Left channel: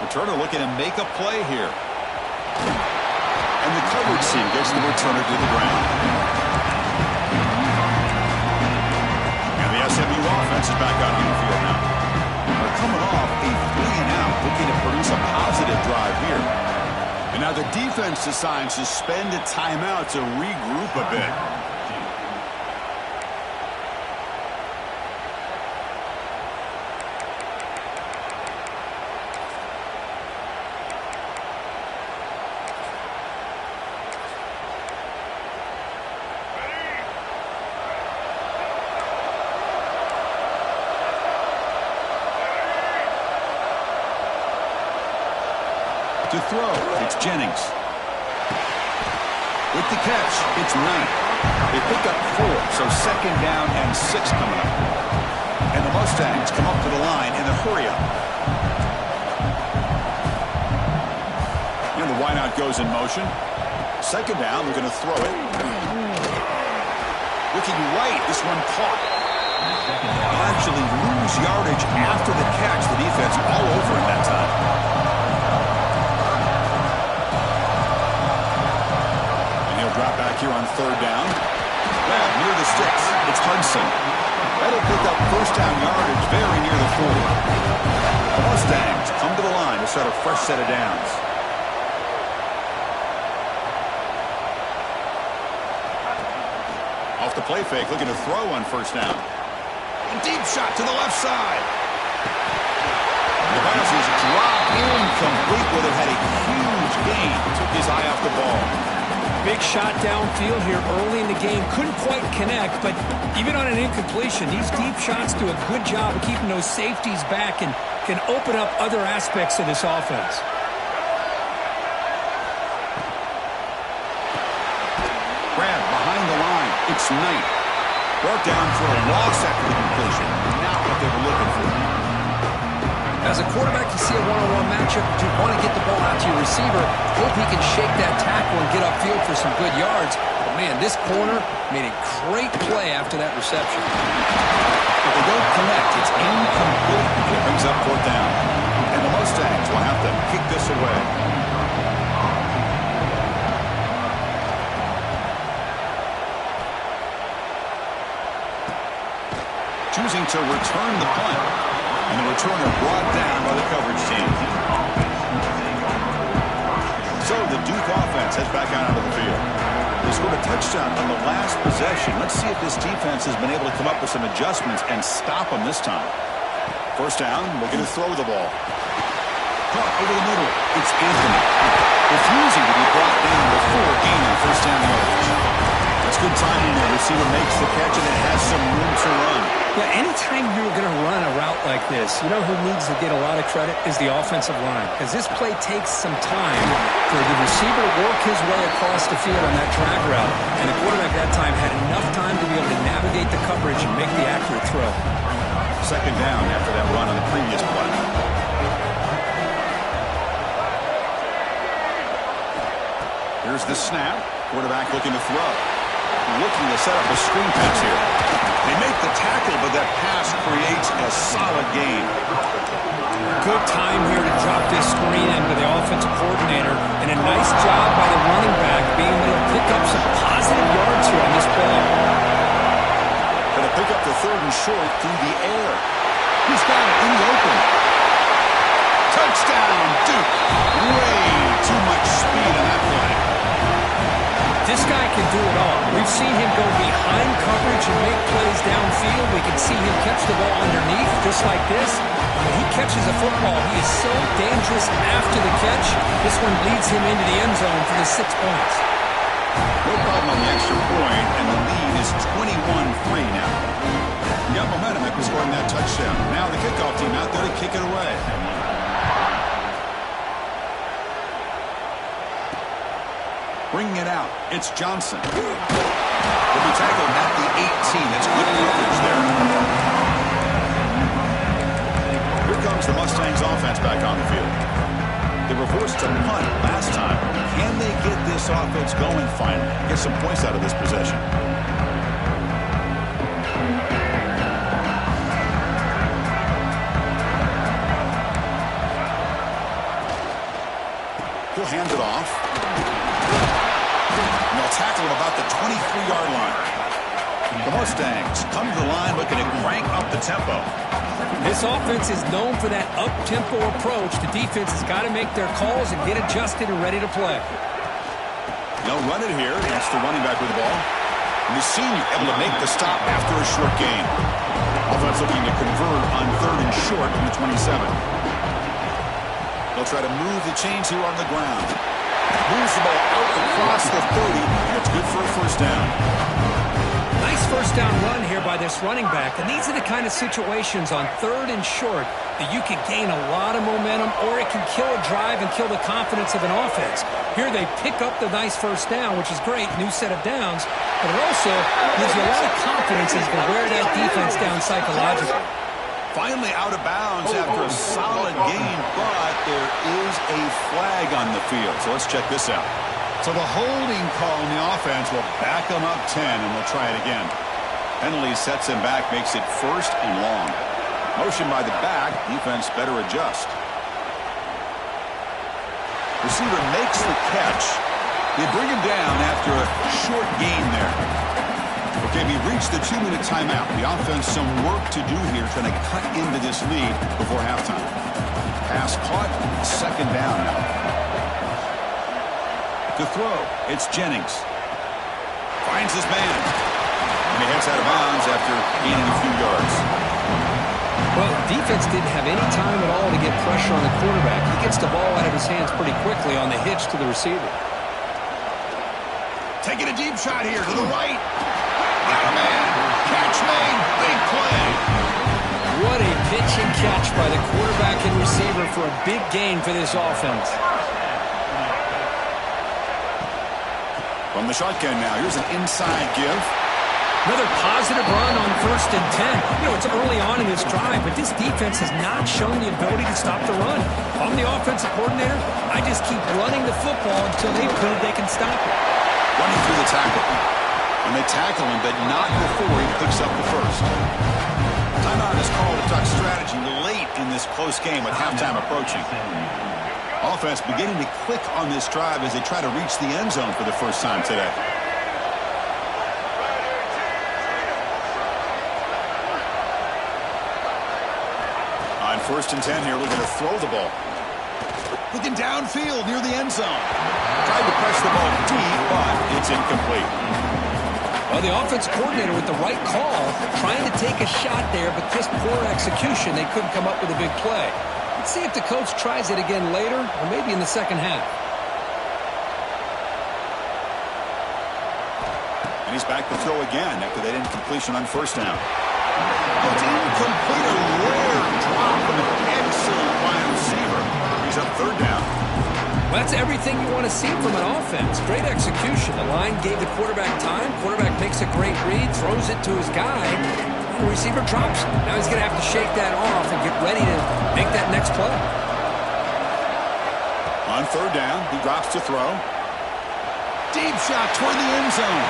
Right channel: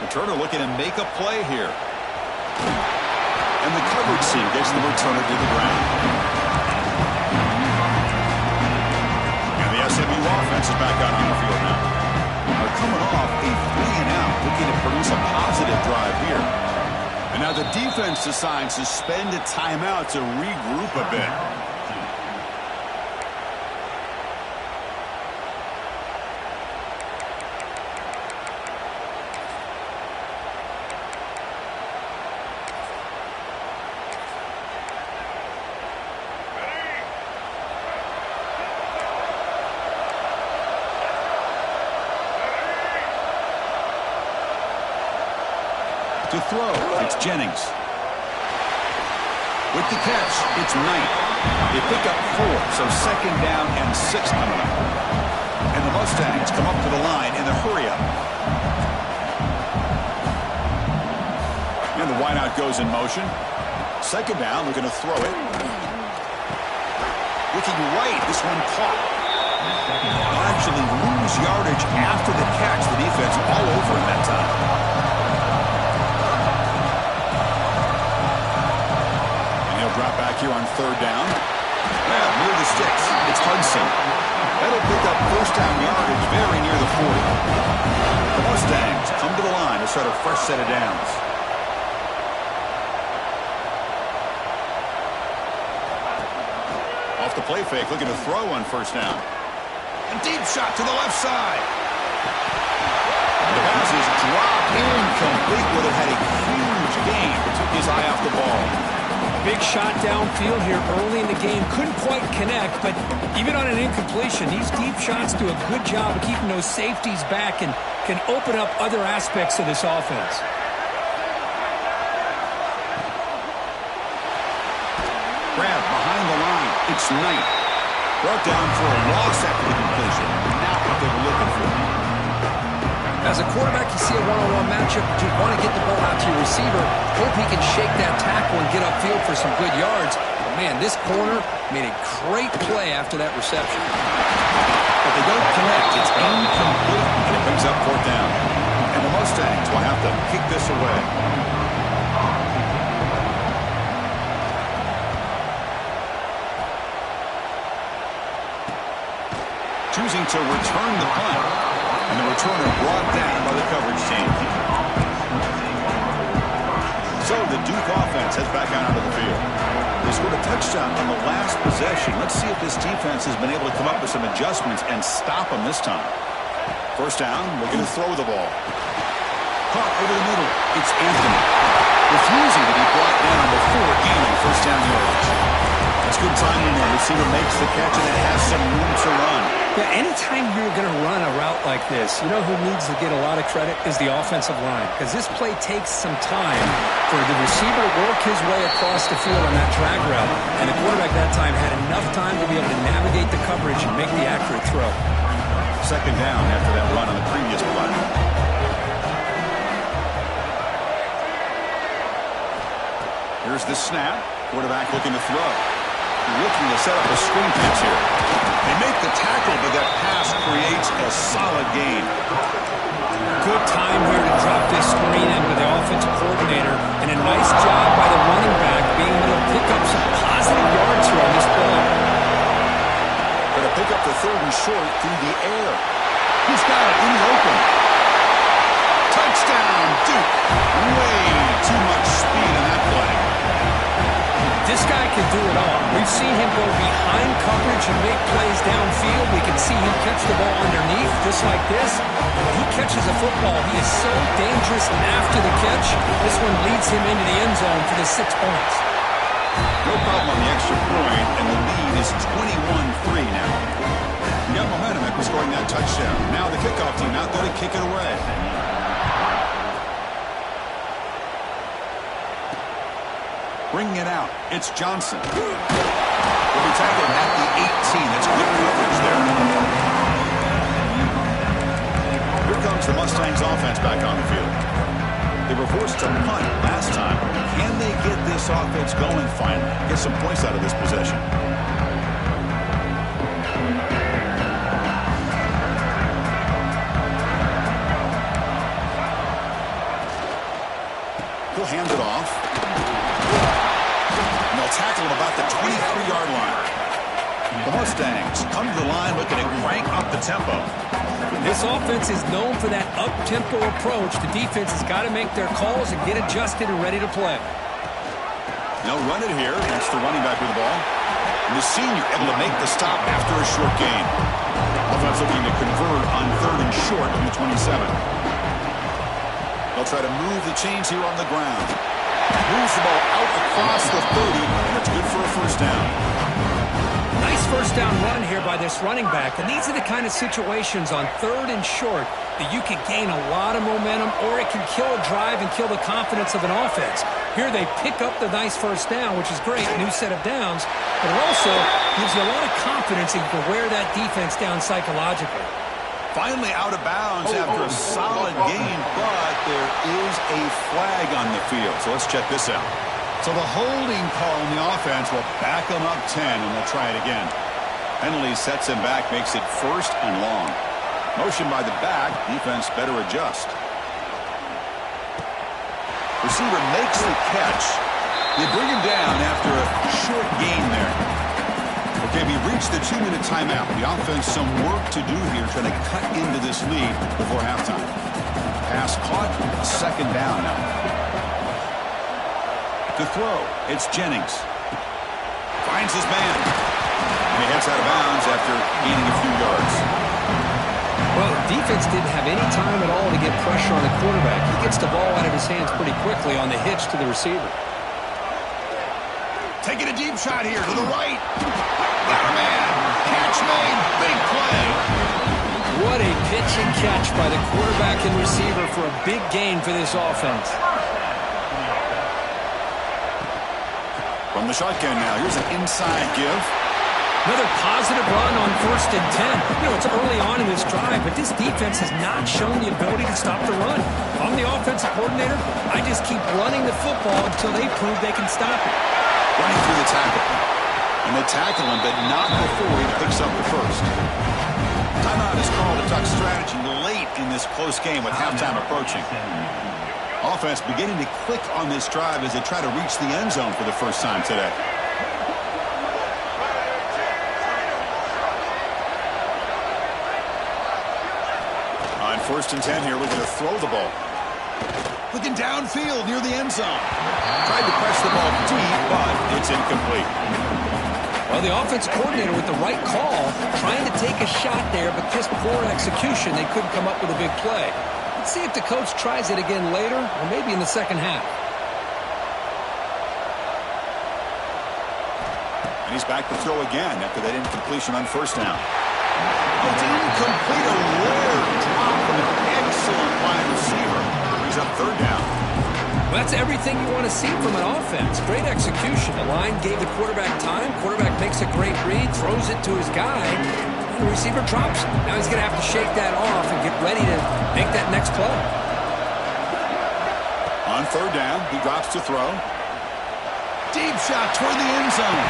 Returner looking to make a play here. And the coverage team gets the returner to the ground. And the SMU offense is back out on the field now. They're coming off a 3-and-out, looking to produce a positive drive here. And now the defense decides to spend a timeout to regroup a bit. To throw, it's Jennings. With the catch, it's Knight. They pick up 4, so 2nd down and 6 coming up. And the Mustangs come up to the line in the hurry-up. And the wideout goes in motion. 2nd down, they're going to throw it. Looking right, this one caught. They'll actually lose yardage after the catch. The defense all over him that time. Drop back here on 3rd down. Near the sticks, it's Hudson. That'll pick up 1st down yardage very near the 40. The Mustangs come to the line to start a fresh set of downs. Off the play fake, looking to throw on 1st down. A deep shot to the left side. The pass is dropped incomplete. Would have had a huge gain. Took his eye off the ball. Big shot downfield here early in the game. Couldn't quite connect, but even on an incompletion, these deep shots do a good job of keeping those safeties back and can open up other aspects of this offense. Grab behind the line. It's Knight. Brought down for a loss after the completion. Not what they were looking for. As a quarterback, you see a one-on-one matchup, you want to get the ball out to your receiver, hope he can shake that tackle and get upfield for some good yards. But, man, this corner made a great play after that reception. But they don't connect. It's incomplete, and it brings up 4th down. And the Mustangs will have to kick this away. Choosing to return the punt. And the returner brought down by the coverage team. So the Duke offense heads back out onto the field. They scored a touchdown on the last possession. Let's see if this defense has been able to come up with some adjustments and stop them this time. 1st down, we're going to throw the ball. Caught over the middle. It's Anthony. Refusing to be brought down before gaining 1st down yardage. That's good timing there. Receiver makes the catch and it has some room to run. Yeah, anytime you're going to run a route like this, you know who needs to get a lot of credit is the offensive line. Because this play takes some time for the receiver to work his way across the field on that drag route. And the quarterback that time had enough time to be able to navigate the coverage and make the accurate throw. 2nd down after that run on the previous play. Here's the snap. Quarterback looking to throw. Looking to set up a screen pass here. They make the tackle, but that pass creates a solid gain. Good time here to drop this screen into the offensive coordinator, and a nice job by the running back being able to pick up some positive yards here on this play. Going to pick up the 3rd and short through the air. He's got it in the open. Touchdown, Duke. Way too much speed on that play. This guy can do it all. We've seen him go behind coverage and make plays downfield. We can see him catch the ball underneath just like this. When he catches a football, he is so dangerous after the catch. This one leads him into the end zone for the 6 points. No problem on the extra point, and the lead is 21-3 now. You got momentum after scoring that touchdown. Now the kickoff team out there to kick it away. Bringing it out, it's Johnson. Will be tackled at the 18. That's good coverage there. Here comes the Mustangs offense back on the field. They were forced to punt last time. Can they get this offense going finally? Get some points out of this possession. hand it off. And they'll tackle him about the 23-yard line. The Mustangs come to the line looking to crank up the tempo. This offense is known for that up-tempo approach. The defense has got to make their calls and get adjusted and ready to play. They'll run it here against the running back with the ball. And the senior able to make the stop after a short gain. Offense looking to convert on 3rd and short from the 27. They'll try to move the chains here on the ground. Moves the ball out across the 30, and it's good for a first down. Nice first down run here by this running back. And these are the kind of situations on 3rd and short that you can gain a lot of momentum, or it can kill a drive and kill the confidence of an offense. Here they pick up the nice first down, which is great, new set of downs, but it also gives you a lot of confidence that you can wear that defense down psychologically. Finally out of bounds after a solid gain, but there is a flag on the field. So let's check this out. So the holding call on the offense will back them up 10, and they'll try it again. Penalty sets him back, makes it 1st and long. Motion by the back, defense better adjust. Receiver makes the catch. They bring him down after a short gain there. Okay, we reached the 2-minute timeout. The offense some work to do here, trying to cut into this lead before halftime. Pass caught, 2nd down now. To throw, it's Jennings. Finds his man. And he heads out of bounds after gaining a few yards. Well, defense didn't have any time at all to get pressure on the quarterback. He gets the ball out of his hands pretty quickly on the hitch to the receiver. Taking a deep shot here to the right. Got a man. Catch made. Big play. What a pitch and catch by the quarterback and receiver for a big gain for this offense. From the shotgun now, here's an inside give. Another positive run on 1st and 10. You know, it's early on in this drive, but this defense has not shown the ability to stop the run. If I'm the offensive coordinator, I just keep running the football until they prove they can stop it. Running through the tackle. And they tackle him, but not before he picks up the first. Timeout is called to talk strategy late in this close game with halftime approaching. Offense beginning to click on this drive as they try to reach the end zone for the first time today. On 1st and 10 here, looking to throw the ball. Looking downfield near the end zone. Tried to press the ball deep, but it's incomplete. Well, the offense coordinator with the right call, trying to take a shot there, but just poor execution. They couldn't come up with a big play. Let's see if the coach tries it again later, or maybe in the second half. And he's back to throw again after that incompletion on 1st down. It's incomplete, a rare drop from an excellent wide receiver. He's up 3rd down. Well, that's everything you want to see from an offense. Great execution. The line gave the quarterback time. Quarterback makes a great read, throws it to his guy. The receiver drops it. Now he's going to have to shake that off and get ready to make that next play. On 3rd down, he drops to throw. Deep shot toward the end zone.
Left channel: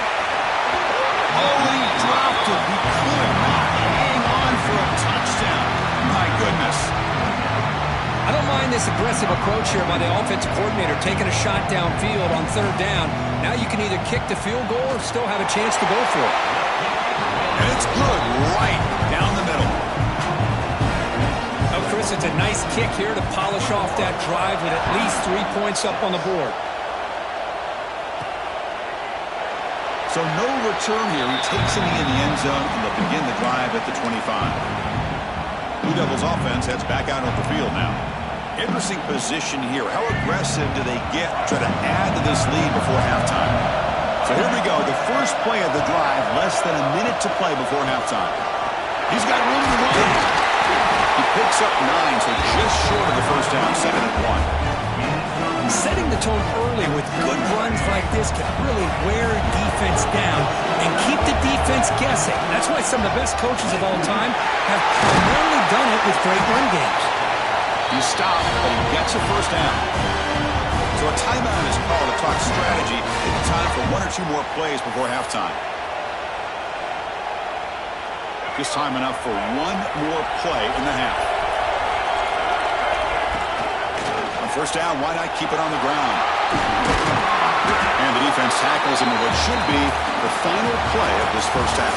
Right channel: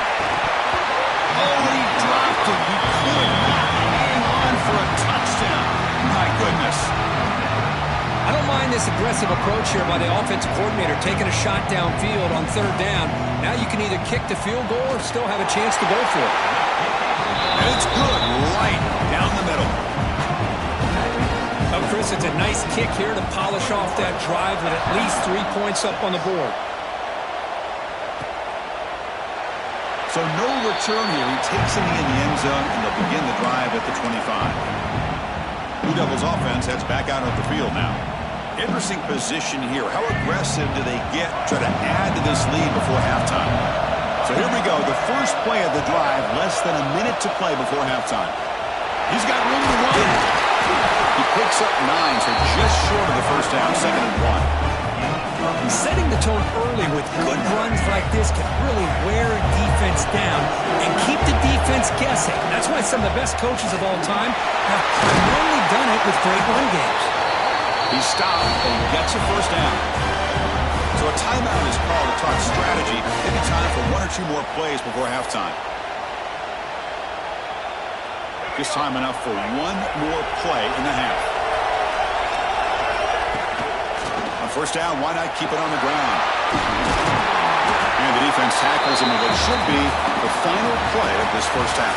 Oh, and he dropped it. He could not hang on for a touchdown. My goodness. I don't mind this aggressive approach here by the offensive coordinator, taking a shot downfield on 3rd down. Now you can either kick the field goal or still have a chance to go for it. And it's good right down the middle. Oh, Chris, it's a nice kick here to polish off that drive with at least 3 points up on the board. So no return here. He takes it in the end zone, and they'll begin the drive at the 25. Blue Devils offense heads back out of the field now. Interesting position here. How aggressive do they get to try to add to this lead before halftime? So here we go. The first play of the drive, less than a minute to play before halftime. He's got room to run. He picks up 9, so just short of the first down, 2nd and 1. Setting the tone early with good runs like this can really wear a defense down and keep the defense guessing. That's why some of the best coaches of all time have primarily done it with great run games. He stopped, but he gets a first down. So a timeout is called to talk strategy. Maybe time for 1 or 2 more plays before halftime. Just time enough for 1 more play in the half. On first down, why not keep it on the ground? And the defense tackles him in what should be the final play of this first half.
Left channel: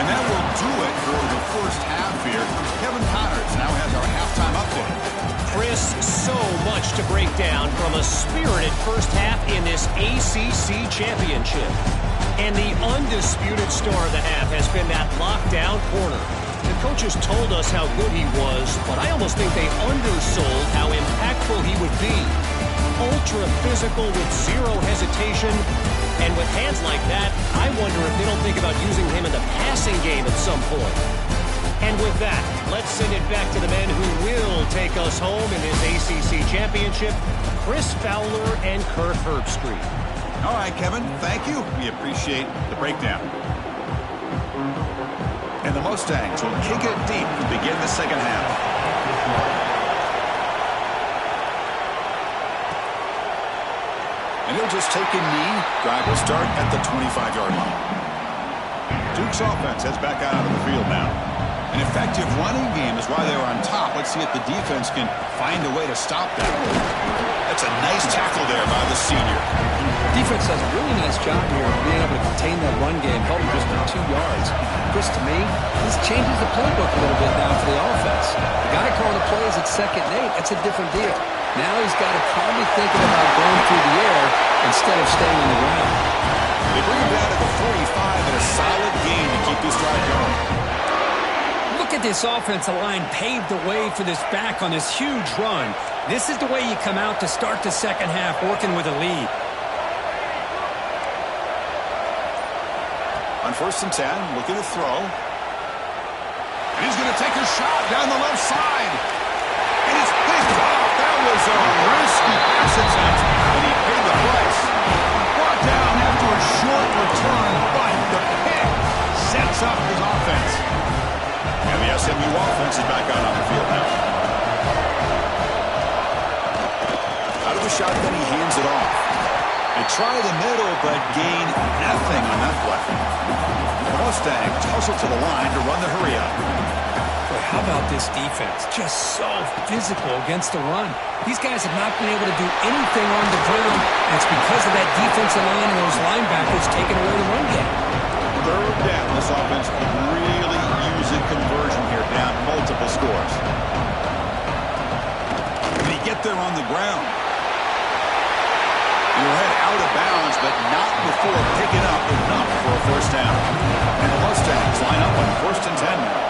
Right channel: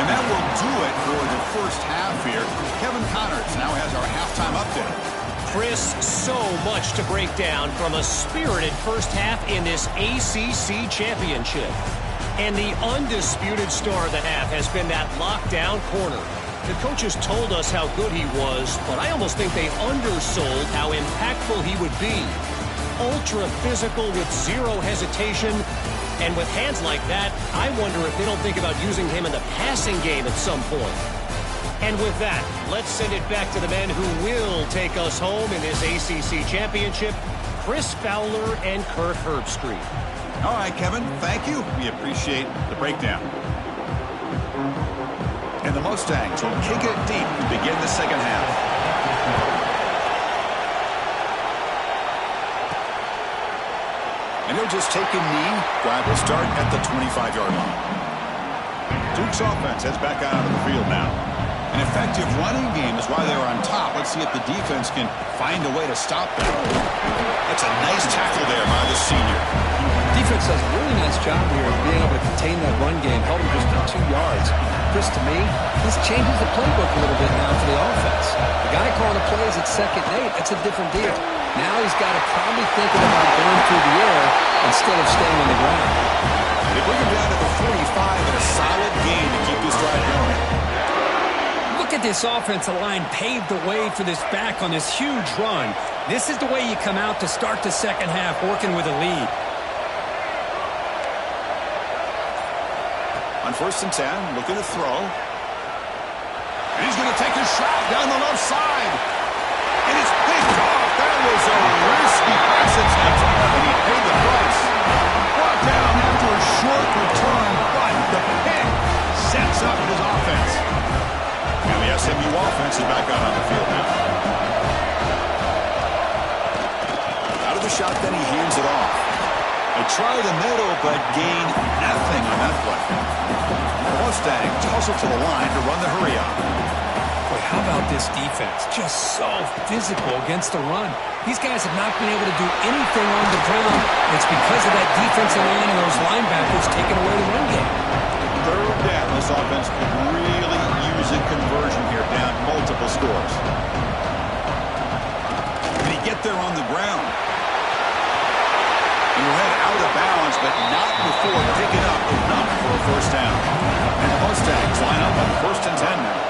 And that will do it for the first half here. Kevin Connors now has our halftime update. Chris, so much to break down from a spirited first half in this ACC championship. And the undisputed star of the half has been that lockdown corner. The coaches told us how good he was, but I almost think they undersold how impactful he would be. Ultra physical with zero hesitation. And with hands like that, I wonder if they don't think about using him in the passing game at some point. And with that, let's send it back to the men who will take us home in this ACC championship, Chris Fowler and Kirk Herbstreit. All right, Kevin, thank you. We appreciate the breakdown. And the Mustangs will kick it deep to begin the second half. And he'll just take a knee. Drive will start at the 25-yard line. Duke's offense heads back out onto the field now. An effective running game is why they were on top. Let's see if the defense can find a way to stop that. That's a nice tackle there by the senior. Defense does a really nice job here of being able to contain that run game, held him just to 2 yards. Chris, to me, this changes the playbook a little bit now for the offense. The guy calling the plays at 2nd and 8, that's a different deal. Now he's got to probably thinking about going through the air instead of staying on the ground. They bring him down to the 45 and a solid gain to keep this drive going. Look at this offensive line paved the way for this back on this huge run. This is the way you come out to start the second half, working with a lead. On 1st and 10, looking to throw. And he's going to take a shot down the left side. And it's picked off. That was a risky pass attempt, and he paid the price. Brought down after a short return, but the pick sets up his offense. And the SMU offense is back out on the field now. Out of the shotgun, he hands it off. They try the middle, but gain nothing on that play. The Mustangs tussle to the line to run the hurry up. Boy, how about this defense? Just so physical against the run. These guys have not been able to do anything on the ground, and it's because of that defensive line and those linebackers taking away the run game. 3rd down, this offense could really use a conversion here, down multiple scores. Can he get there on the ground? And he'll head out of bounds, but not before picking up enough for a first down. And the Mustangs line up on 1st and 10 now.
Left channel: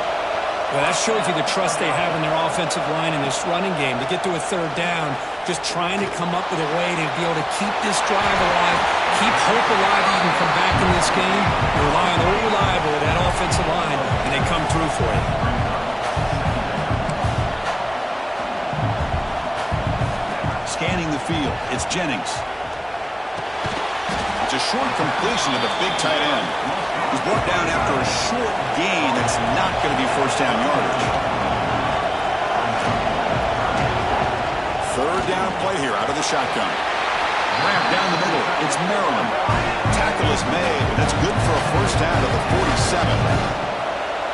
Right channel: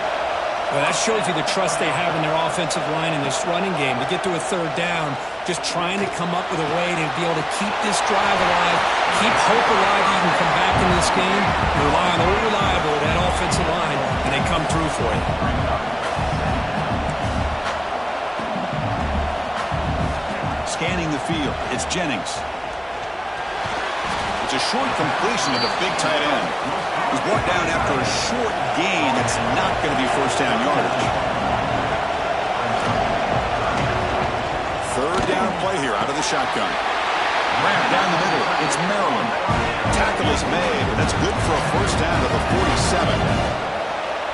Well, that shows you the trust they have in their offensive line in this running game. To get to a 3rd down, just trying to come up with a way to be able to keep this drive alive, keep hope alive that you can come back in this game. You rely on old reliable, that offensive line, and they come through for you. Scanning the field, it's Jennings. It's a short completion to the big tight end. He's brought down after a short gain that's not going to be first down yardage. 3rd down play here out of the shotgun. Ramp down the middle. It's Maryland. Tackle is made, but that's good for a first down to the 47.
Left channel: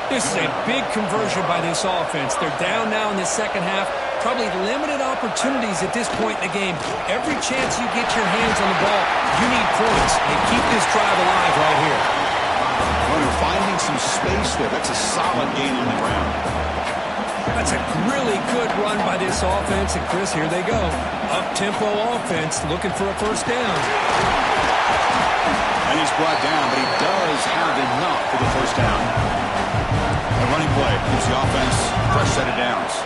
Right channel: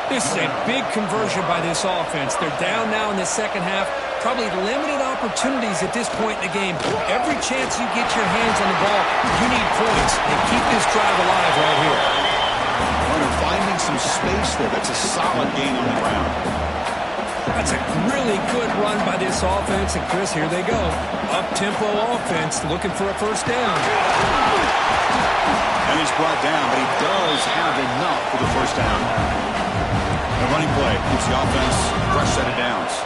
This is a big conversion by this offense. They're down now in the second half. Probably limited opportunities at this point in the game. Every chance you get your hands on the ball, you need points. And keep this drive alive right here. Runner finding some space there. That's a solid gain on the ground. That's a really good run by this offense. And, Chris, here they go. Up-tempo offense looking for a first down. And he's brought down, but he does have enough for the first down. The running play keeps the offense fresh set of downs.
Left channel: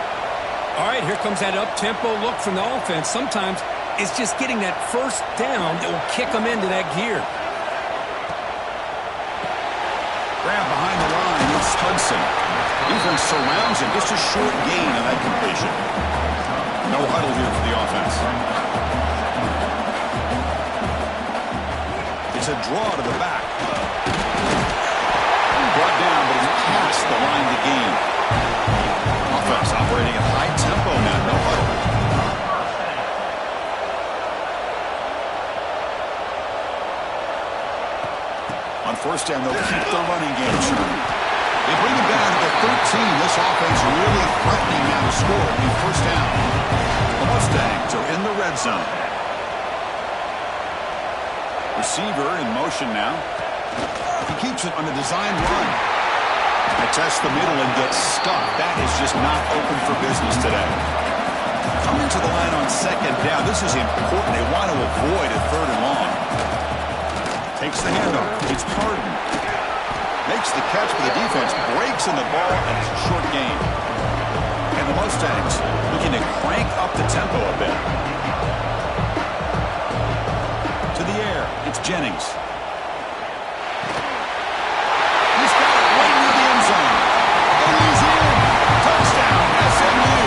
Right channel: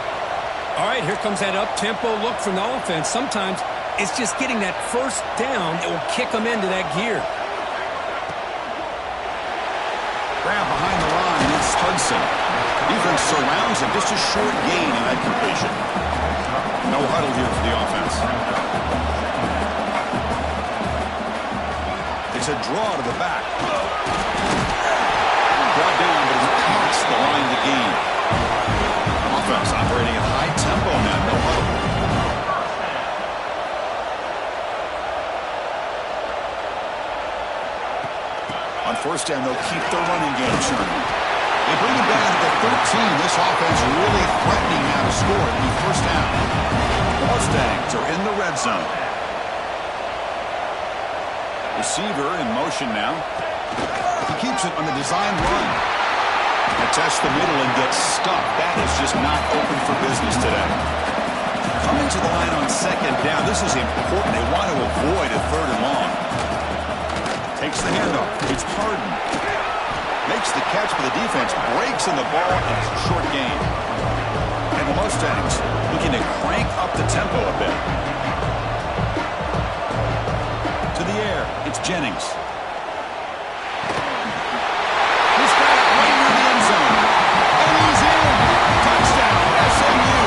All right, here comes that up-tempo look from the offense. Sometimes it's just getting that first down that will kick them into that gear. Grab behind the line, it's Hudson. Defense surrounds him, just a short gain on that completion. No huddle here for the offense. It's a draw to the back. Brought down, but it's past the line to gain. Offense operating at high tempo now, no huddle. On first down, they'll keep the running game churning. They bring him down to the 13. This offense really threatening now to score. It'll be first down. The Mustangs are in the red zone. Receiver in motion now. He keeps it on a design run. Attests the middle and gets stuffed. That is just not open for business today. Coming to the line on second down. This is important. They want to avoid a third and long. Takes the handoff. It's Harden. Makes the catch, but the defense breaks in the ball, and it's a short gain. And the Mustangs looking to crank up the tempo a bit. To the air. It's Jennings. He's got it right near the end zone. And he's in. Touchdown, SMU.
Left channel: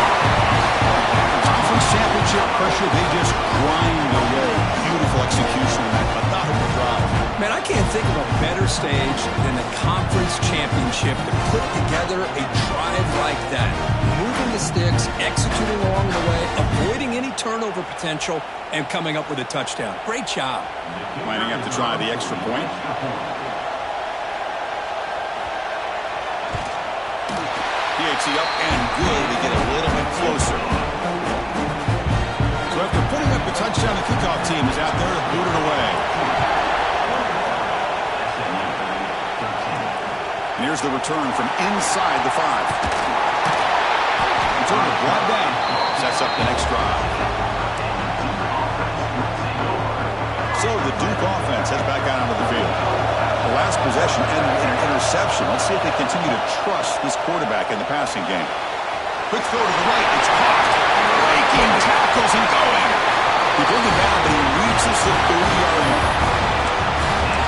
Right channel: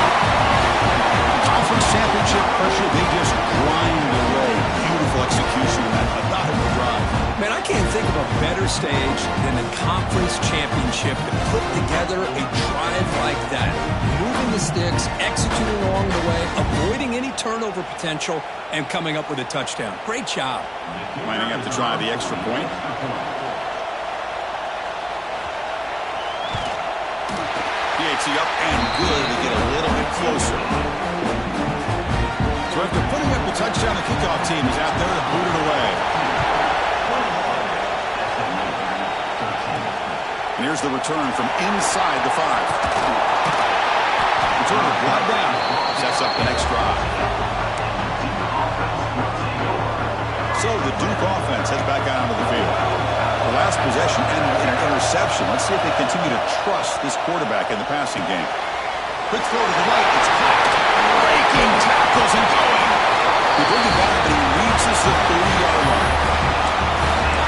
Conference championship pressure, they just grind away. Beautiful execution in that methodical drive. Man, I can't think of a better stage than the conference championship to put together a drive like that. Moving the sticks, executing along the way, avoiding any turnover potential, and coming up with a touchdown. Great job. Lining up to try the extra point. PAT up and good. They get a little bit closer. So after putting up the touchdown, the kickoff team is out there to boot it away. And here's the return from inside the 5. Returner brought down. Sets up the next drive. So the Duke offense heads back out onto the field. The last possession ended in an interception. Let's see if they continue to trust this quarterback in the passing game. Quick throw to the right. It's caught. Breaking tackles and going. They bring it down, but he reaches the 30-yard line.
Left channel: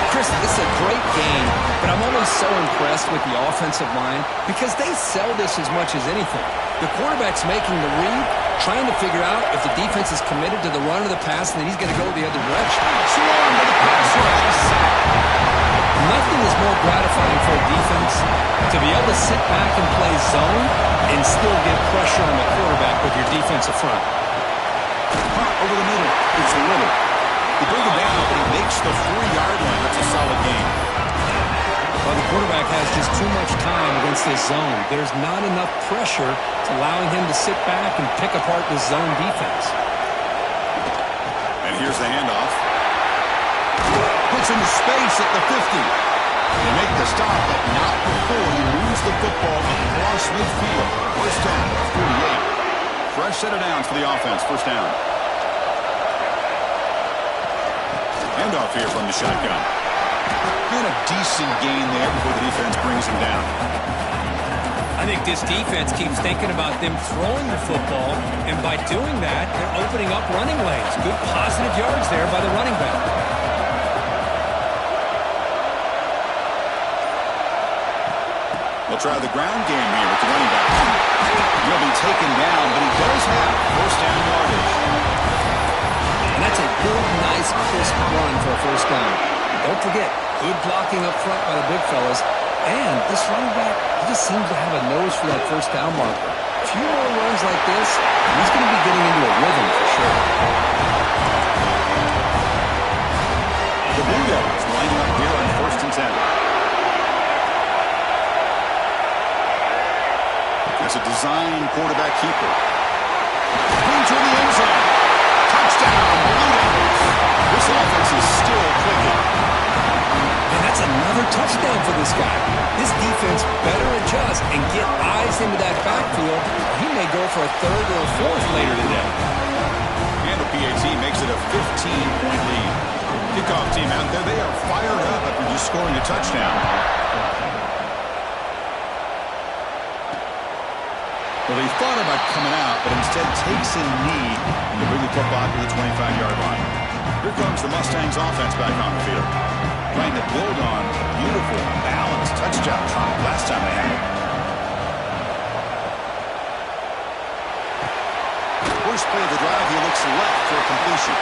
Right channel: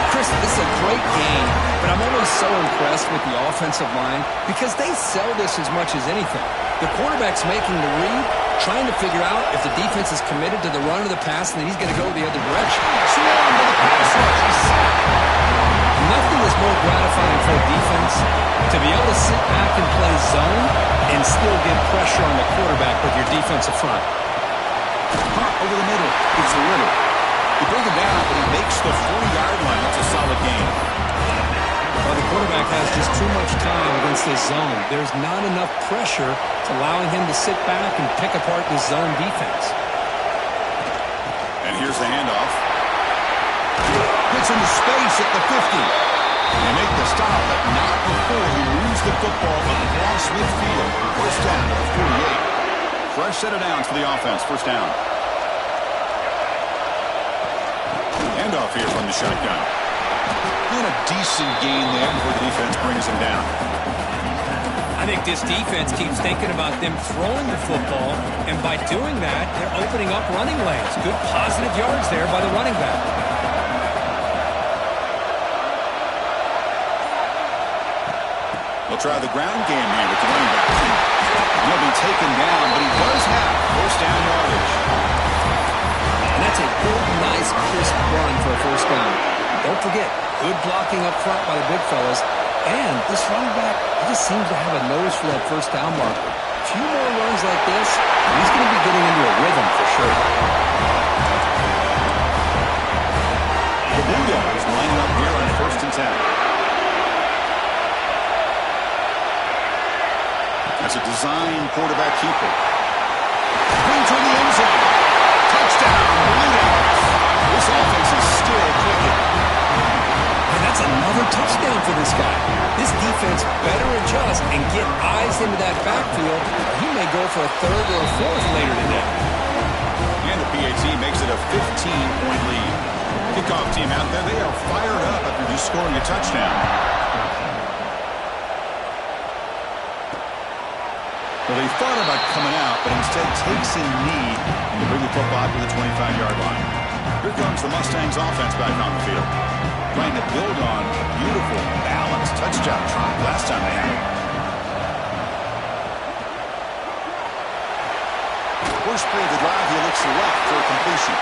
Chris, this is a great game, but I'm always so impressed with the offensive line because they sell this as much as anything. The quarterback's making the read, trying to figure out if the defense is committed to the run or the pass, and then he's going to go the other direction. Swarm to the pass rush. A sack. Nothing is more gratifying for a defense to be able to sit back and play zone and still get pressure on the quarterback with your defensive front. Caught over the middle. It's Little. They bring him down, but he makes the 4-yard line. That's a solid gain. Well, the quarterback has just too much time against this zone. There's not enough pressure to allowing him to sit back and pick apart this zone defense. And here's the handoff. Gets into space at the 50. They make the stop, but not before he moves the football across midfield. First down to the 48. Fresh set of downs for the offense. First down. Handoff here from the shotgun. And a decent gain there before the defense brings him down. I think this defense keeps thinking about them throwing the football, and by doing that, they're opening up running lanes. Good positive yards there by the running back. They'll try the ground game here with the running back. He'll be taken down, but he does have first down yardage. And that's a good, nice, crisp run for a first down. Don't forget, good blocking up front by the big fellas. And this running back, he just seems to have a nose for that first down marker. A few more runs like this, and he's going to be getting into a rhythm for sure. The Blue Devils lining up here on 1st and 10. That's a design quarterback keeper. Clean toward the end zone. Touchdown, Blue Devils. This offense is still clicking. And that's another touchdown for this guy. This defense better adjust and get eyes into that backfield. He may go for a third or a fourth later today. And the PAT makes it a 15-point lead. Kickoff team out there, they are fired up after just scoring a touchdown. Well, they thought about coming out, but instead takes a knee to bring the football to the 25-yard line. Here comes the Mustangs offense back on the field, trying to build on a beautiful, balanced touchdown drive last time they had it. First play of the drive, he looks left for a completion.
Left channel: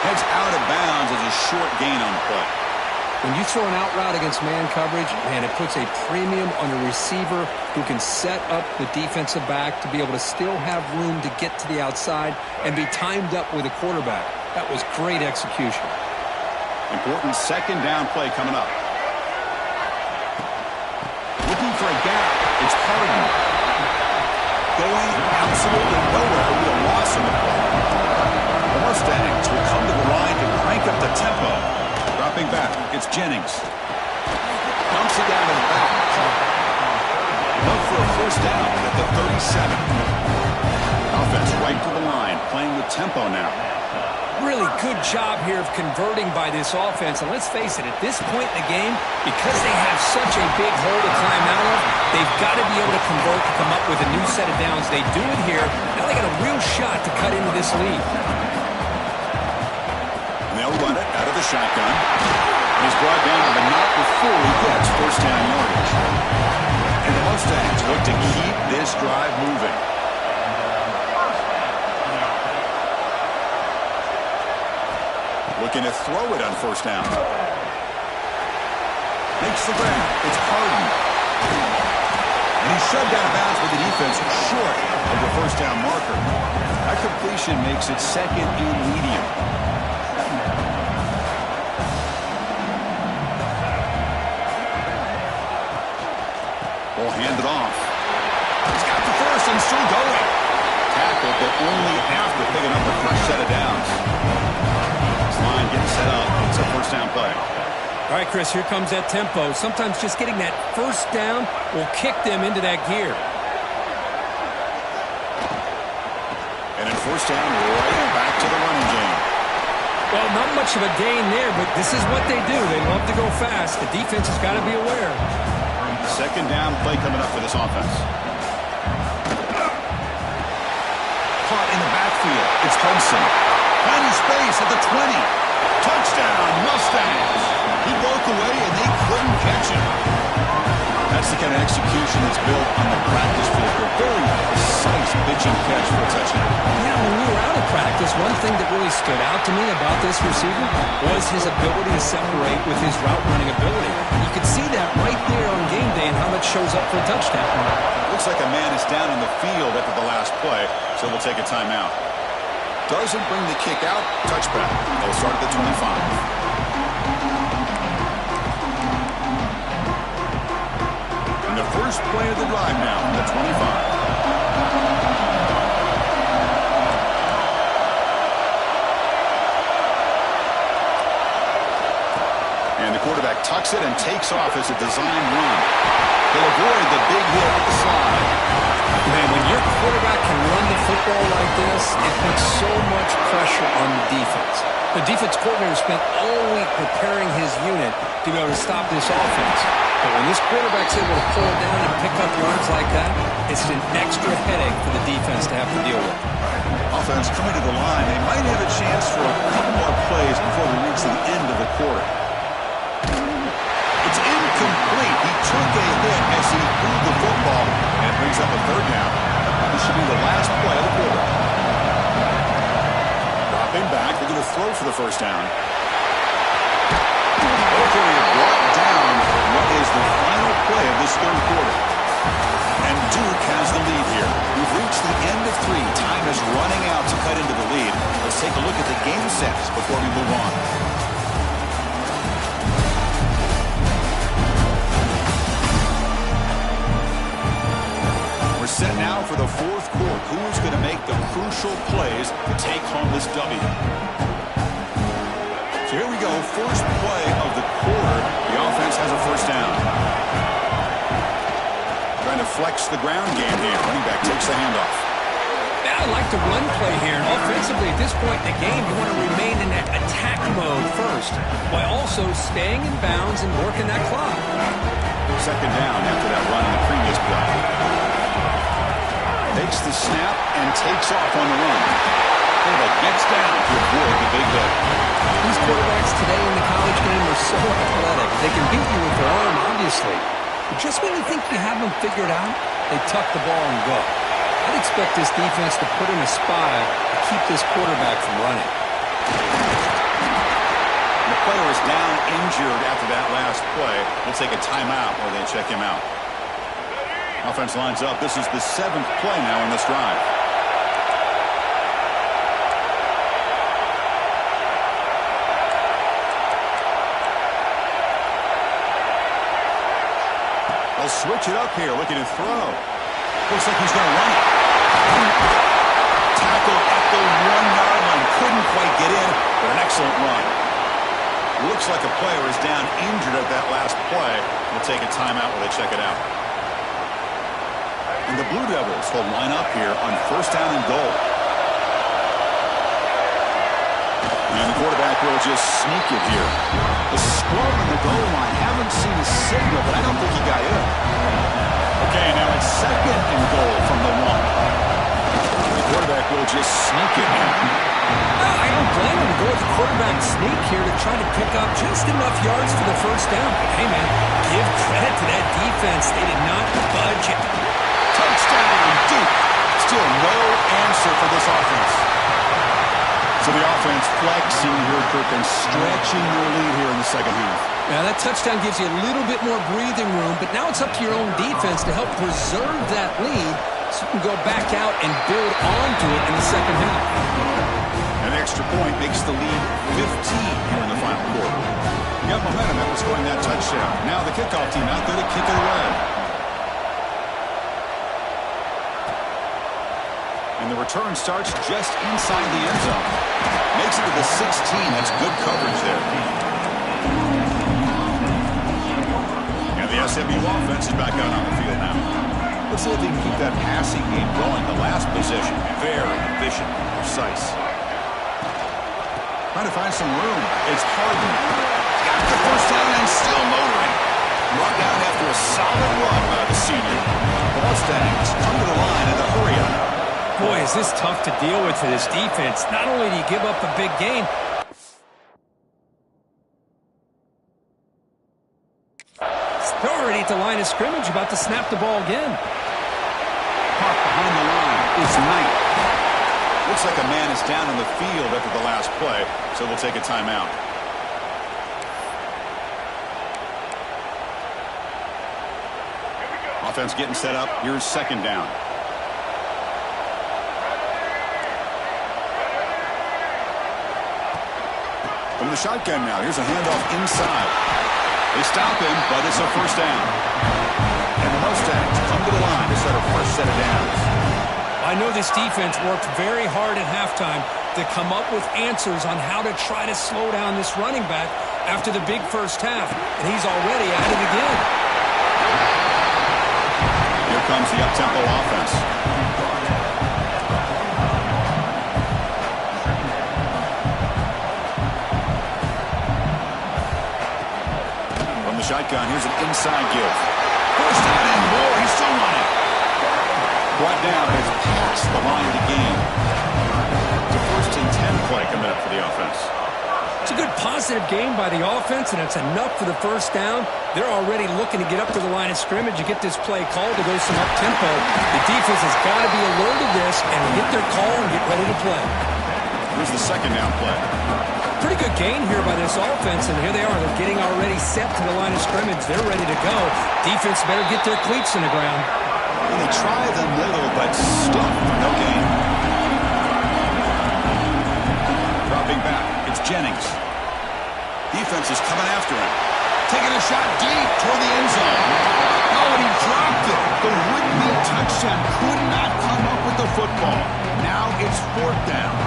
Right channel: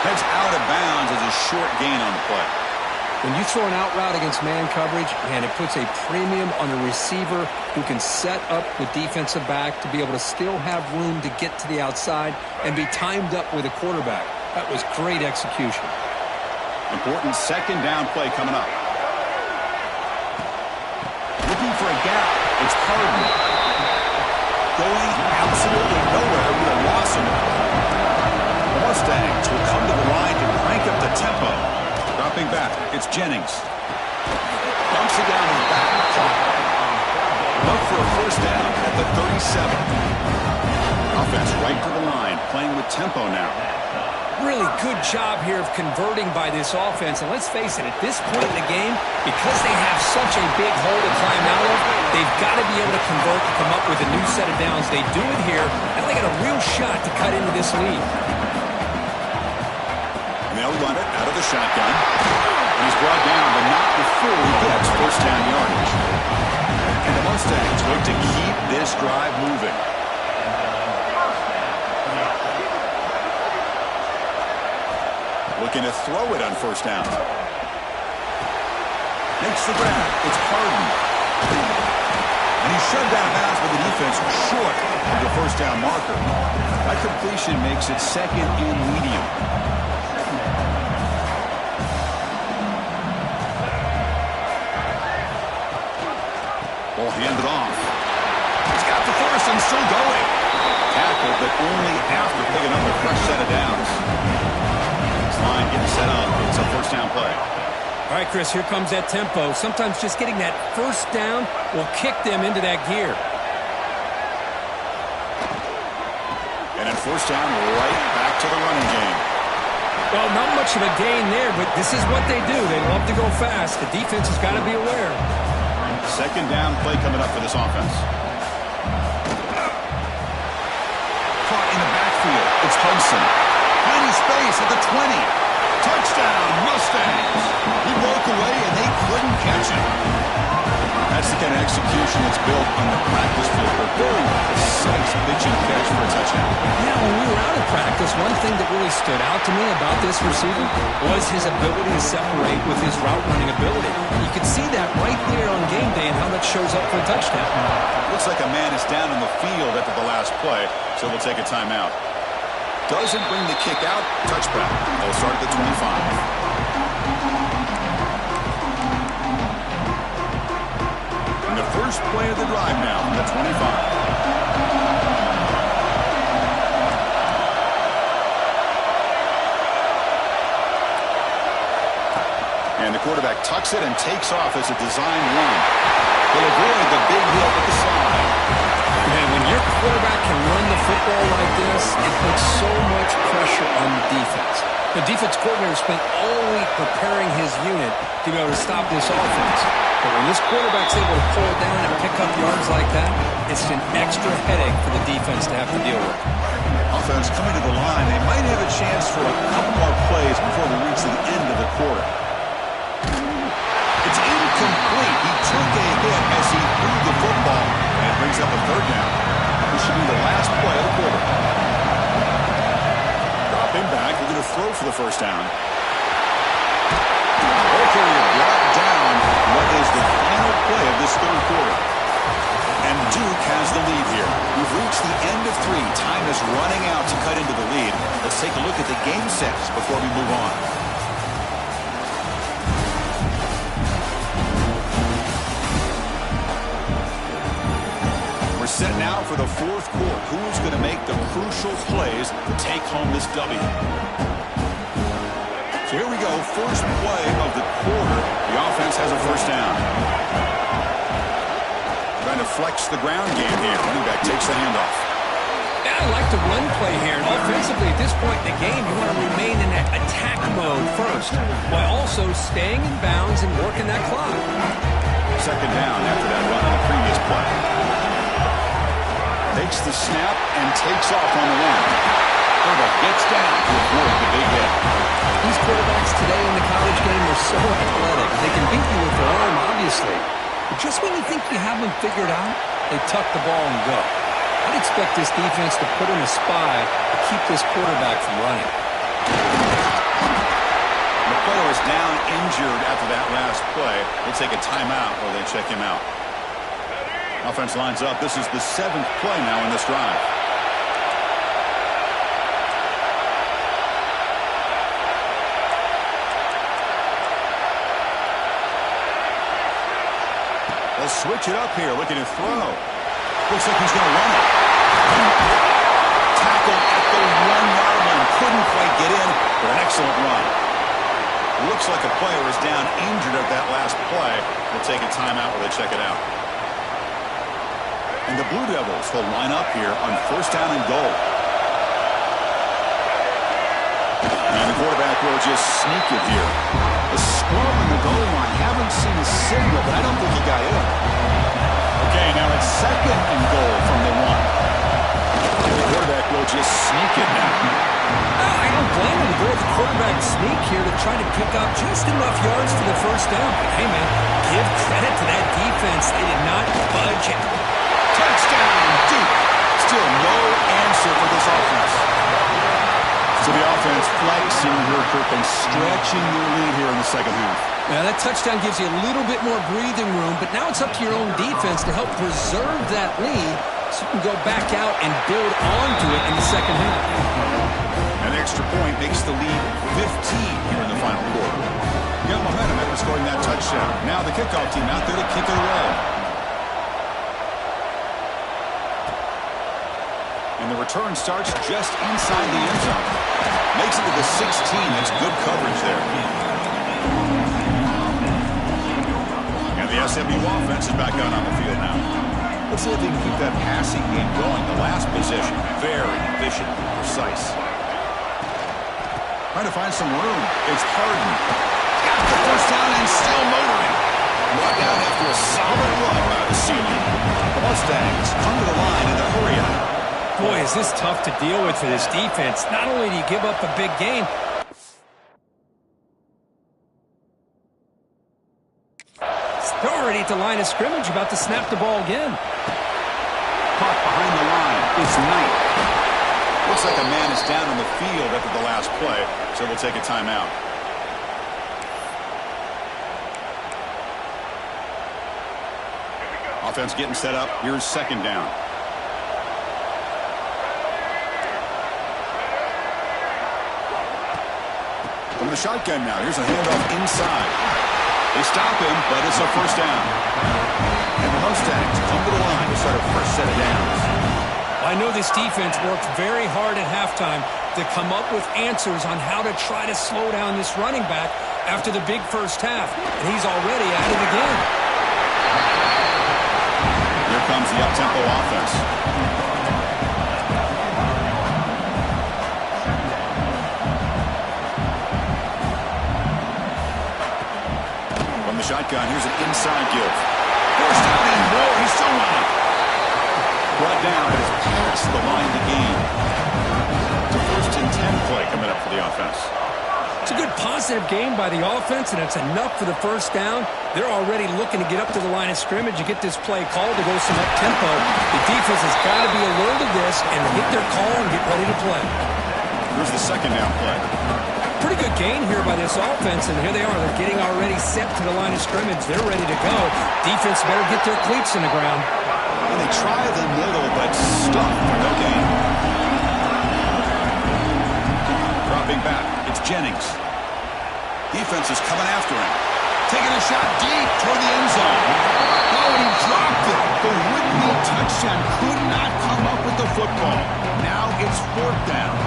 Heads out of bounds as a short gain on the play. When you throw an out route against man coverage, man, it puts a premium on a receiver who can set up the defensive back to be able to still have room to get to the outside and be timed up with a quarterback. That was great execution. Important second down play coming up. Looking for a gap. It's Harden. going absolutely nowhere with a loss in the play. The Mustangs will come to the line to crank up the tempo. Dropping back, it's Jennings. Dumps it down to the back. Look for a first down at the 37. Offense right to the line, playing with tempo now. Really good job here of converting by this offense. And let's face it, at this point in the game, because they have such a big hole to climb out of, they've got to be able to convert and come up with a new set of downs. They do it here. Now they got a real shot to cut into this lead. And they'll run it out of the shotgun. And he's brought down, but not before he gets first down yardage. And the Mustangs look to keep this drive moving. Looking to throw it on first down. Makes the grab. It's Harden. And he's shoved out of bounds with the defense short of the first down marker. That completion makes it second and medium. Ball handed off. He's got the first and still going. Tackled, but only after picking up a fresh set of downs. Line getting set up. It's a first down play. All right, Chris, here comes that tempo. Sometimes just getting that first down will kick them into that gear. And then first down right back to the running game. Well, not much of a gain there, but this is what they do. They love to go fast. The defense has got to be aware. Second down play coming up for this offense. Caught in the backfield. It's Hudson. Finding space at the 20. Touchdown, Mustangs. He broke away, and they couldn't catch him. That's the kind of execution that's built on the practice field. A very precise pitch and catch for a touchdown. Yeah, when we were out of practice, one thing that really stood out to me about this receiver was his ability to separate with his route running ability. You could see that right there on game day and how that shows up for a touchdown. Looks like a man is down on the field after the last play, so we'll take a timeout. Doesn't bring the kick out. Touchback. They'll start at the 25. And the first play of the drive now, the 25. And the quarterback tucks it and takes off as a designed run. He'll avoid the big hit with the slide. Man, when your quarterback can run the football like this, it puts so much pressure on the defense. The defense coordinator spent all week preparing his unit to be able to stop this offense. But when this quarterback's able to pull it down and pick up yards like that, it's an extra headache for the defense to have to deal with. Offense coming to the line. They might have a chance for a couple more plays before we reach the end of the quarter. It's incomplete. He took a hit as he threw the football and brings up a third down. This should be the last play of the quarter. Dropping back. They're going to throw for the first down. Ball carrier brought down what is the final play of this third quarter. And Duke has the lead here. We've reached the end of 3. Time is running out to cut into the lead. Let's take a look at the game sets before we move on. We're set now for the fourth quarter. Who is going to make the crucial plays to take home this W? So here we go. First play of the quarter. The offense has a first down. Trying to flex the ground game here. Running back takes the handoff. Yeah, I like the run play here. And offensively, at this point in the game, you want to remain in that attack mode first, while also staying in bounds and working that clock. Second down after that run on the previous play. Takes the snap and takes off on the run. Quarterback gets down to avoid the big hit. These quarterbacks today in the college game are so athletic. They can beat you with their arm, obviously. But just when you think you have them figured out, they tuck the ball and go. I'd expect this defense to put in a spy to keep this quarterback from running. The player is down injured after that last play. We'll take a timeout while they check him out. Offense lines up. This is the 7th play now in this drive. They'll switch it up here, looking to throw. Looks like he's going to run it. Tackled at the 1-yard line. Couldn't quite get in, but an excellent run. Looks like a player is down injured at that last play. We'll take a timeout while they check it out. And the Blue Devils will line up here on first down and goal. And the quarterback will just sneak it here. The scrum in the goal line. Haven't seen a signal, but I don't think he got in. Okay, now it's second and goal from the 1. The quarterback will just sneak it now. I don't blame him to go with the quarterback sneak here to try to pick up just enough yards for the first down. But hey, man, give credit to that defense. They did not budge it. Touchdown, Duke. Still no answer for this offense. So the offense flexing here, Kirk, and stretching their lead here in the second half. Now, that touchdown gives you a little bit more breathing room, but now it's up to your own defense to help preserve that lead so you can go back out and build onto it in the second half. An extra point makes the lead 15 here in the final quarter. You got momentum after scoring that touchdown. Now the kickoff team out there to kick it away. And the return starts just inside the end zone. Makes it to the 16. That's good coverage there. And the SMU offense is back out on the field now. Let's see if they can keep that passing game going. The last possession, very efficient and precise. Trying to find some room. It's Harden. Got the first down and still motoring. Brought down after a solid run by the senior. The Mustangs come to the line in a hurry on it. Boy, is this tough to deal with for this defense. Not only do you give up a big gain, they're already at the line of scrimmage, about to snap the ball again. Caught behind the line is Knight. Looks like a man is down on the field after the last play, so we'll take a timeout. Offense getting set up. Here's second down. From the shotgun now. Here's a handoff inside. They stop him, but it's a first down. And the Mustangs come to the line to start a fresh set of downs. I know this defense worked very hard at halftime to come up with answers on how to try to slow down this running back after the big first half. And he's already at it again. Here comes the up-tempo offense. Shotgun. Here's an inside give. First down and more. He's still running. Brought down as past the line to gain. It's a 1st and 10 play coming up for the offense. It's a good positive game by the offense, and it's enough for the first down. They're already looking to get up to the line of scrimmage and get this play called to go some up-tempo. The defense has got to be alert of this and get their call and get ready to play. Here's the second down play. Pretty good gain here by this offense, and here they are. They're getting already set to the line of scrimmage. They're ready to go. Defense better get their cleats in the ground. And they try the middle, but stuff for no gain. Dropping back, it's Jennings. Defense is coming after him. Taking a shot deep toward the end zone. Oh, and he dropped it. The would-be touchdown could not come up with the football. Now it's 4th down.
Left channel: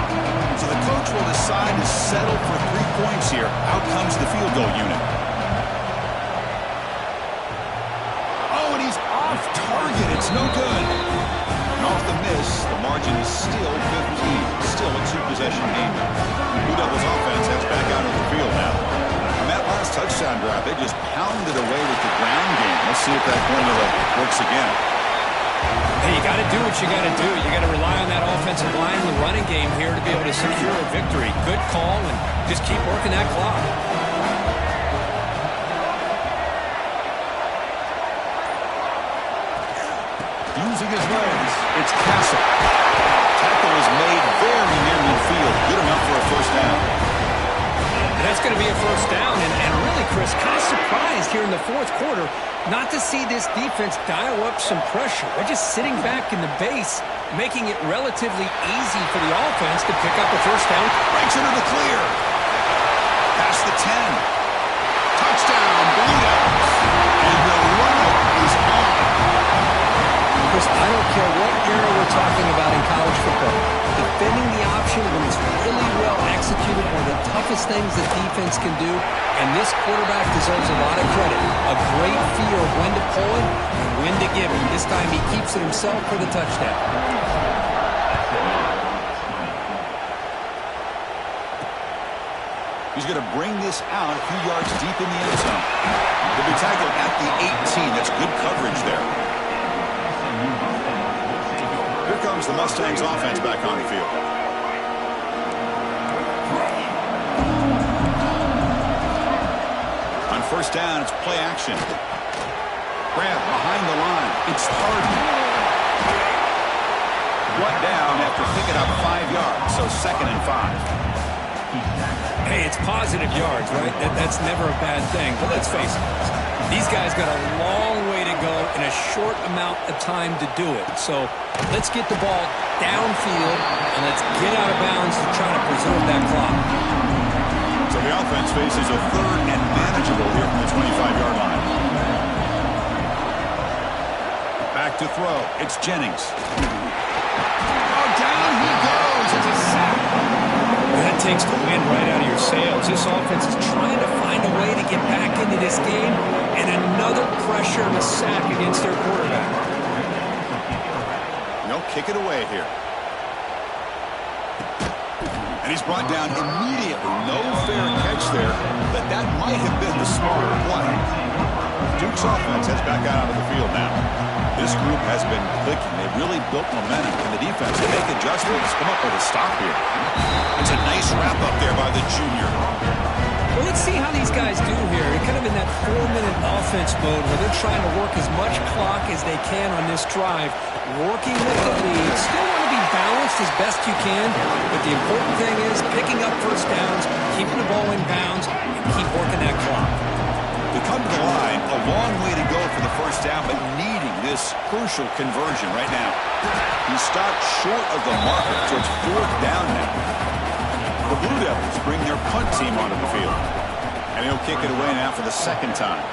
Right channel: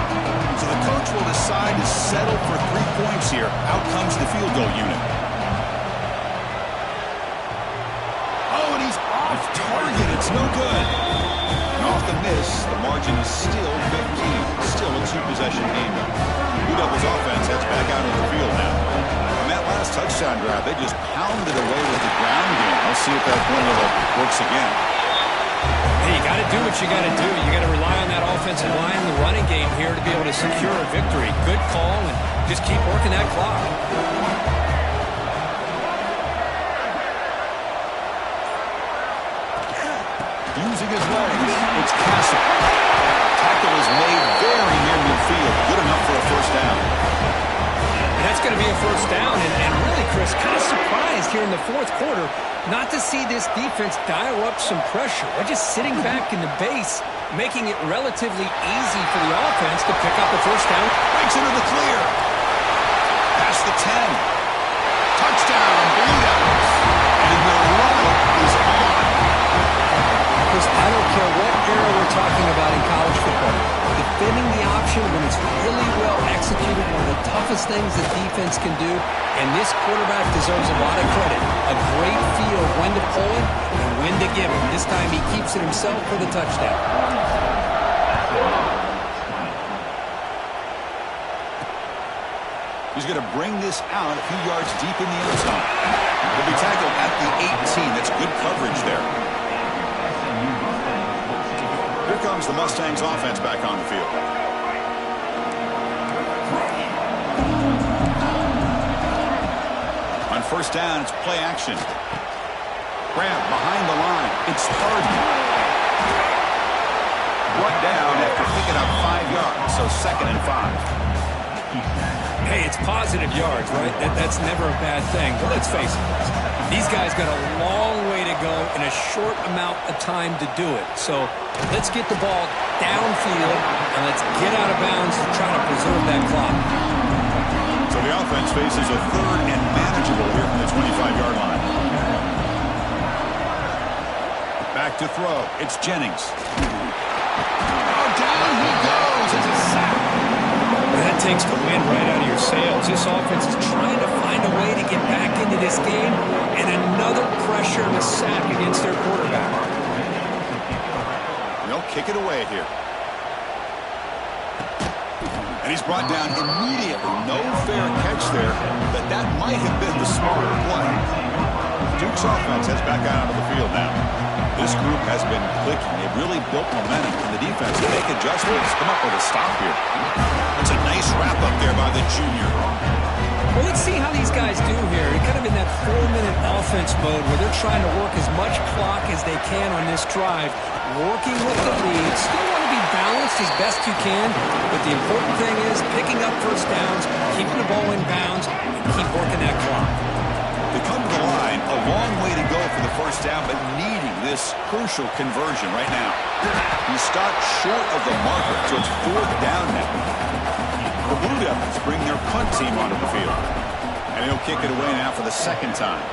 So the coach will decide to settle for 3 points here. Out comes the field goal unit. Oh, and he's off target. It's no good. And off the miss, the margin is still 15. Still a 2-possession game, though. Blue Devils offense heads back out of the field now. On that last touchdown drive, they just pounded away with the ground game. Let's see if that formula works again. Hey, you got to do what you got to do. You got to rely on that offensive line and the running game here to be able to secure a victory. Good call, and just keep working that clock. Using his legs, it's Castle. Tackle is made very near midfield. Good enough for a first down. And that's going to be a first down. And really, Chris, kind of surprised here in the 4th quarter not to see this defense dial up some pressure. They're just sitting back in the base, making it relatively easy for the offense to pick up a first down. Breaks into the clear. Past the 10. Touchdown, Blue Devils. And the route is on. Chris, I don't care what era we're talking about in college football. Defending the option when it's really well executed, one of the toughest things that defense can do, and this quarterback deserves a lot of credit. A great feel of when to pull it and when to give it. This time he keeps it himself for the touchdown. He's going to bring this out a few yards deep in the end zone. He'll be tackled at the 18. That's good coverage there. Here comes the Mustangs offense back on the field. On first down, it's play action. Grab behind the line. It's Harden. Brought down after picking up 5 yards, so 2nd and 5. Hey, it's positive yards, right? That's never a bad thing. But let's face it, these guys got a long way to go in a short amount of time to do it. So let's get the ball downfield and let's get out of bounds to try to preserve that clock. So the offense faces a 3rd and manageable here from the 25-yard line. Back to throw. It's Jennings. Oh, down he goes. It's a sack. That takes the wind right out of your sails. This offense is trying to find a way to get back into this game, and another pressure and a sack against their quarterback. They'll kick it away here. And he's brought down immediately. No fair catch there, but that might have been the smarter play. Duke's offense heads back out onto the field now. This group has been clicking. They've really built momentum, and the defense can make adjustments, come up with a stop here. It's a nice wrap-up there by the junior. Well, let's see how these guys do here. They're kind of in that 4-minute offense mode where they're trying to work as much clock as they can on this drive, working with the lead. Still want to be balanced as best you can, but the important thing is picking up first downs, keeping the ball in bounds, and keep working that clock. They come to the line, a long way to go for the first down, but needing this crucial conversion right now. He stopped short of the marker, so it's 4th down now. The Blue Devils bring their punt team onto the field. And he'll kick it away now for the 2nd time.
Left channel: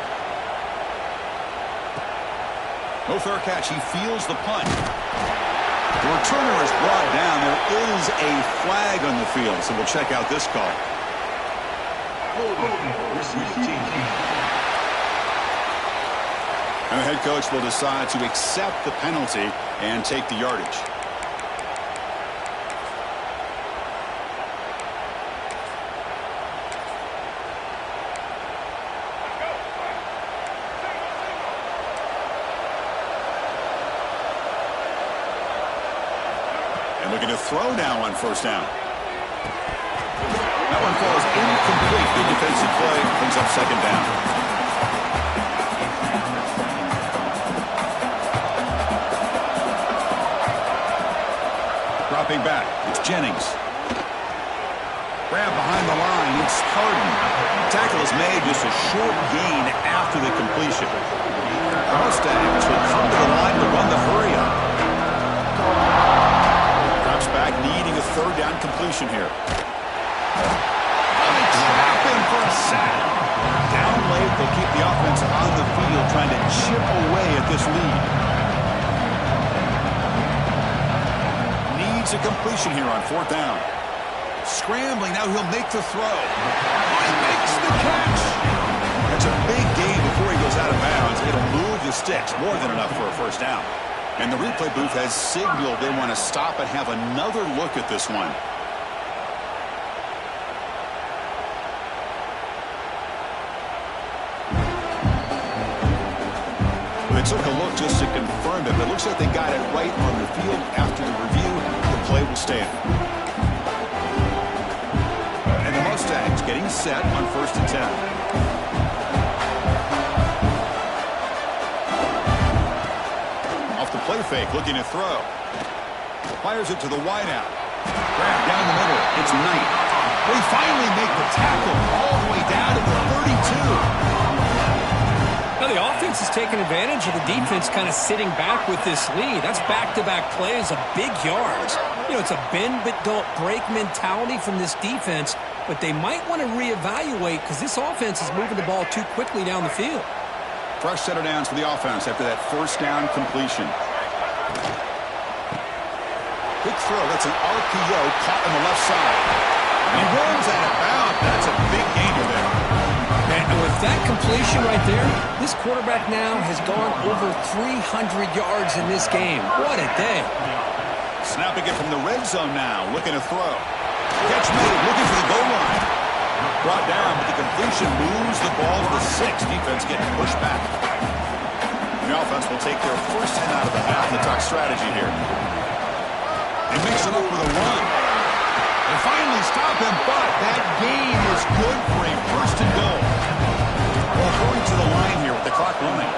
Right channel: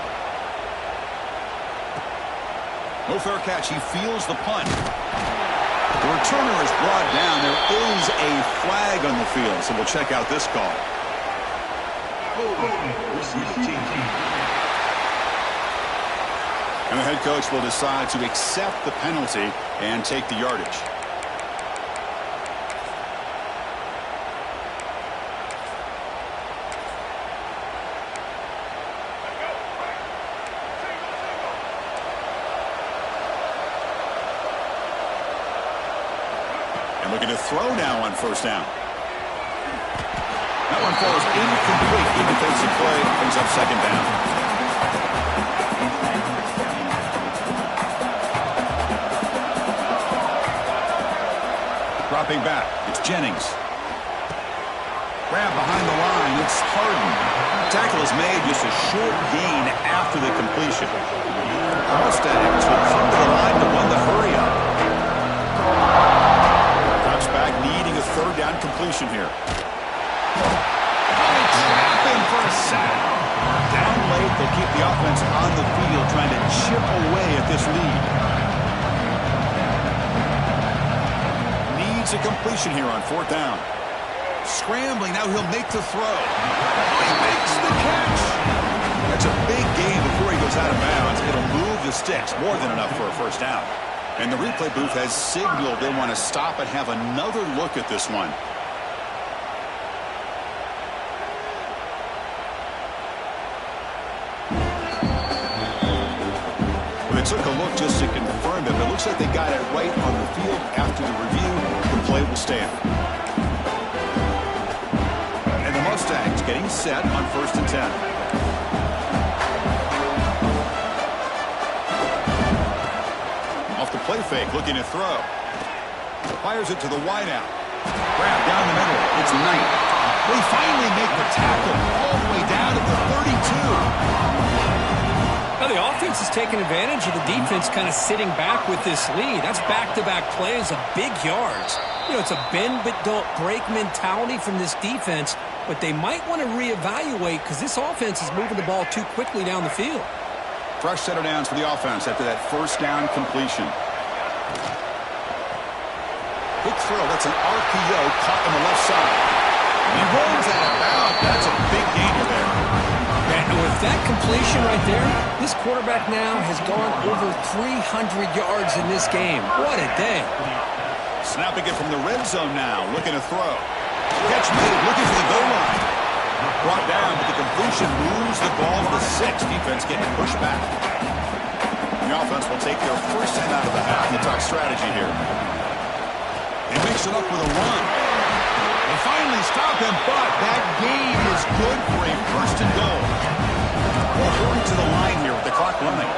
No fair catch. He feels the punt. The returner is brought down. There is a flag on the field, so we'll check out this call. And the head coach will decide to accept the penalty and take the yardage. And looking to throw now on first down. That one falls incomplete. Good defensive play brings up 2nd down. Dropping back, it's Jennings. Grab behind the line, it's Harden. Tackle is made, just a short gain after the completion. The Mustangs will come to the line to run the hurry up. Drops back, needing a 3rd down completion here. Oh, they trap him for a sack. Down late, they'll keep the offense on the field, trying to chip away at this lead. A completion here on 4th down. Scrambling, now he'll make the throw. Oh, he makes the catch. That's a big gain before he goes out of bounds. It'll move the sticks, more than enough for a first down. And the replay booth has signaled they want to stop and have another look at this one. Well, they took a look just to confirm it, but it looks like they got it right on the field. After the review, the play will stand. And the Mustangs getting set on 1st and 10. Off the play fake, looking to throw. Fires it to the wideout. Grab down the middle. It's Knight. They finally make the tackle all the way down to the 32. Now the offense is taking advantage of the defense kind of sitting back with this lead. That's back-to-back plays of big yards. You know, it's a bend but don't break mentality from this defense, but they might want to reevaluate because this offense is moving the ball too quickly down the field. Fresh set of downs for the offense after that first down completion. throw. That's an RPO caught on the left side. He runs out of bounds. That's a big gainer there. And with that completion right there, this quarterback now has gone over 300 yards in this game. What a day. Snapping it from the red zone now, looking to throw. Catch made, looking for the goal line. Brought down, but the completion moves the ball to the 6. Defense getting pushed back. The offense will take their first 10 out of the half. They talk strategy here. They mix it up with a run. They finally stop him, but that gain is good for a first and goal. Well, hurry to the line here with the clock running.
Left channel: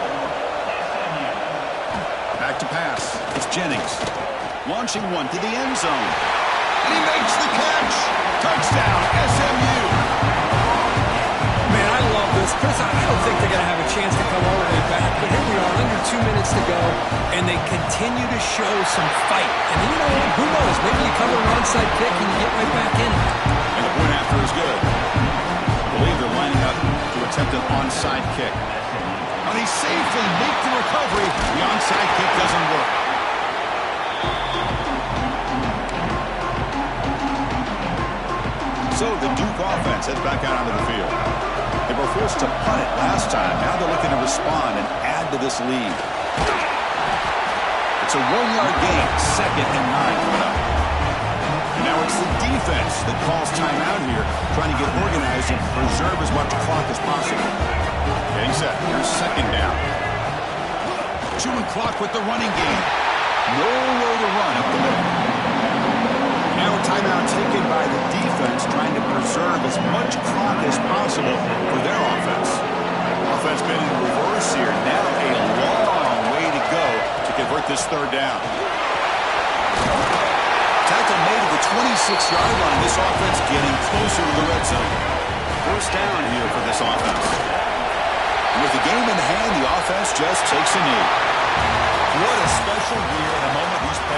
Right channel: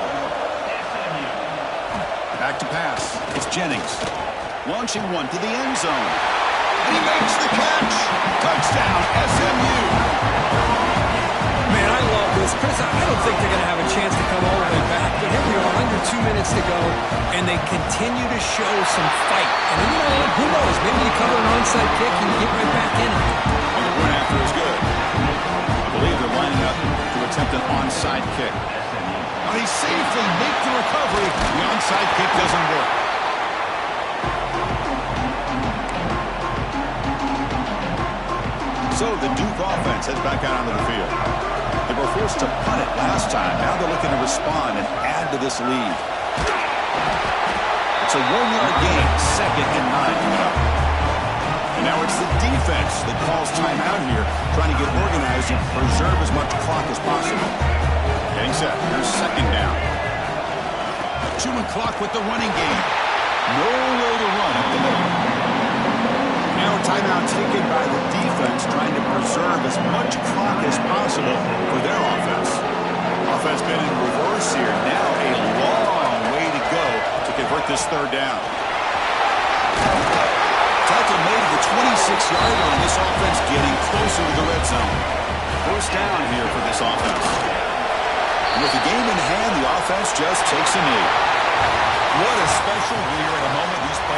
Back to pass. It's Jennings. Launching one to the end zone. And he makes the catch. Touchdown, SMU. Man, I love this. Chris, I don't think they're going to have a chance to come all the way back, but here we are, under 2 minutes to go, and they continue to show some fight. And then, you know what? Who knows? Maybe you cover an onside kick and you get right back in it. And the point after is good. I believe they're lining up to attempt an onside kick. And they safely make the recovery. The onside kick doesn't work. So the Duke offense heads back out onto the field. They were forced to punt it last time. Now they're looking to respond and add to this lead. It's a 1-yard gain, 2nd and 9 coming up. And now it's the defense that calls timeout here, trying to get organized and preserve as much clock as possible. Getting set. Here's 2nd down. Chewing clock with the running game. Nowhere to run up the middle. Now a timeout taken by the defense, trying to preserve as much clock as possible for their offense. Offense been in reverse here. Now a long way to go to convert this 3rd down. Tackle made at the 26-yard line. This offense getting closer to the red zone. 1st down here for this offense. And with the game in hand, the offense just takes a knee. What a special year and a moment these players